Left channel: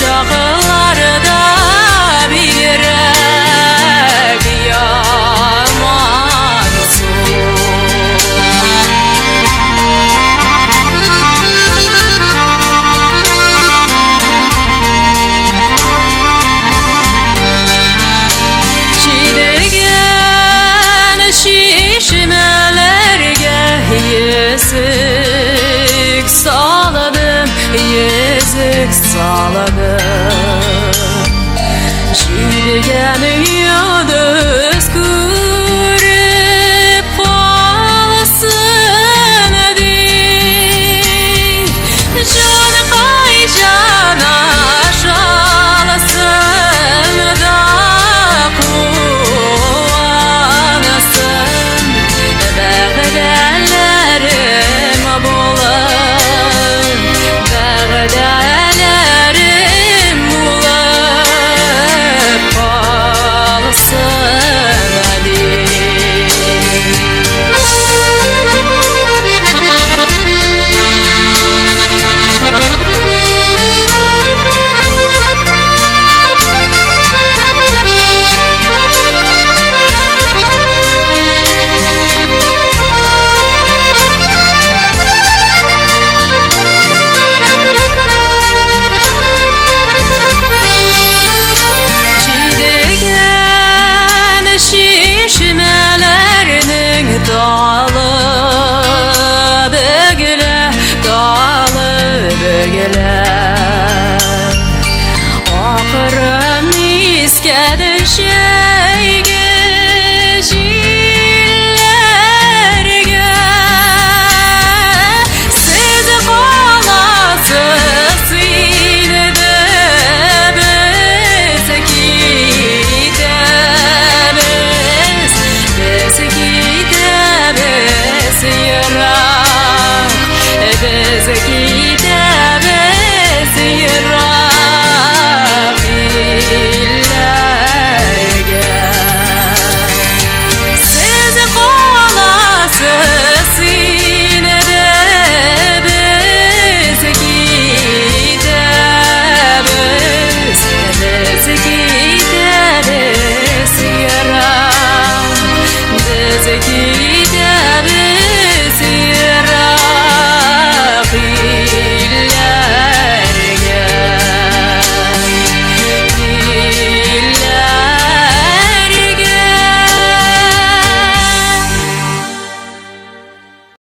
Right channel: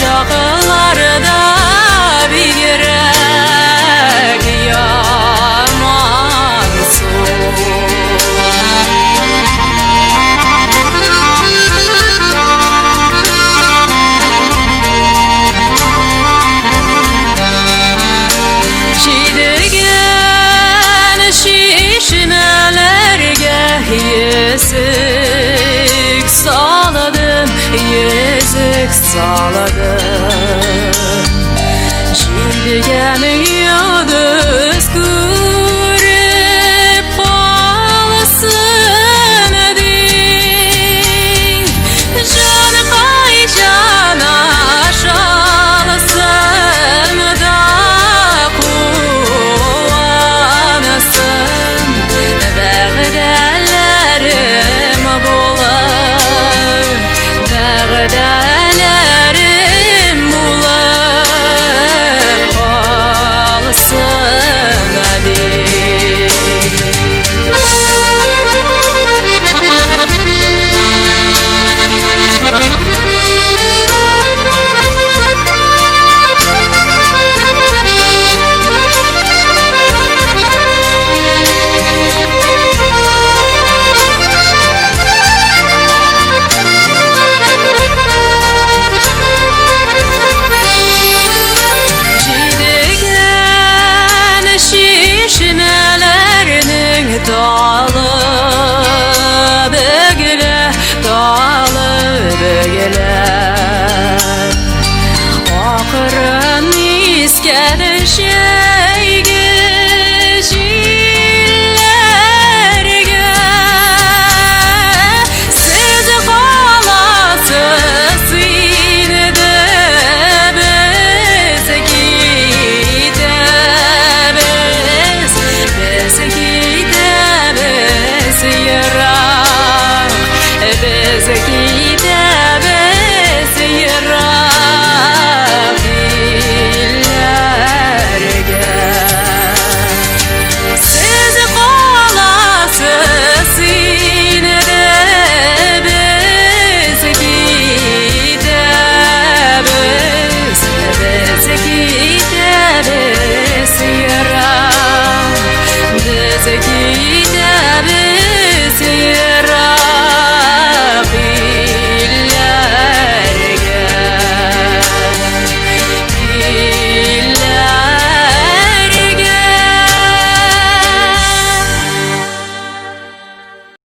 Şakılarda bir yürek yamansın. Şiirgen şişnelerge yüzük saladın, yüzük saladın. Şiirgen yıldız görüp bağlasın edin. Can kay cana şalasın da kullanasın. Beğderlerim bular, beğderlerim bular. Kalsın hadi. Şişnelerinin dalı bögüle, dalı bögüle. Akırın iskeder şey geçillerge. Siz kalasız yine de bize gideriz. Bize gideriz yarak, bize gideriz.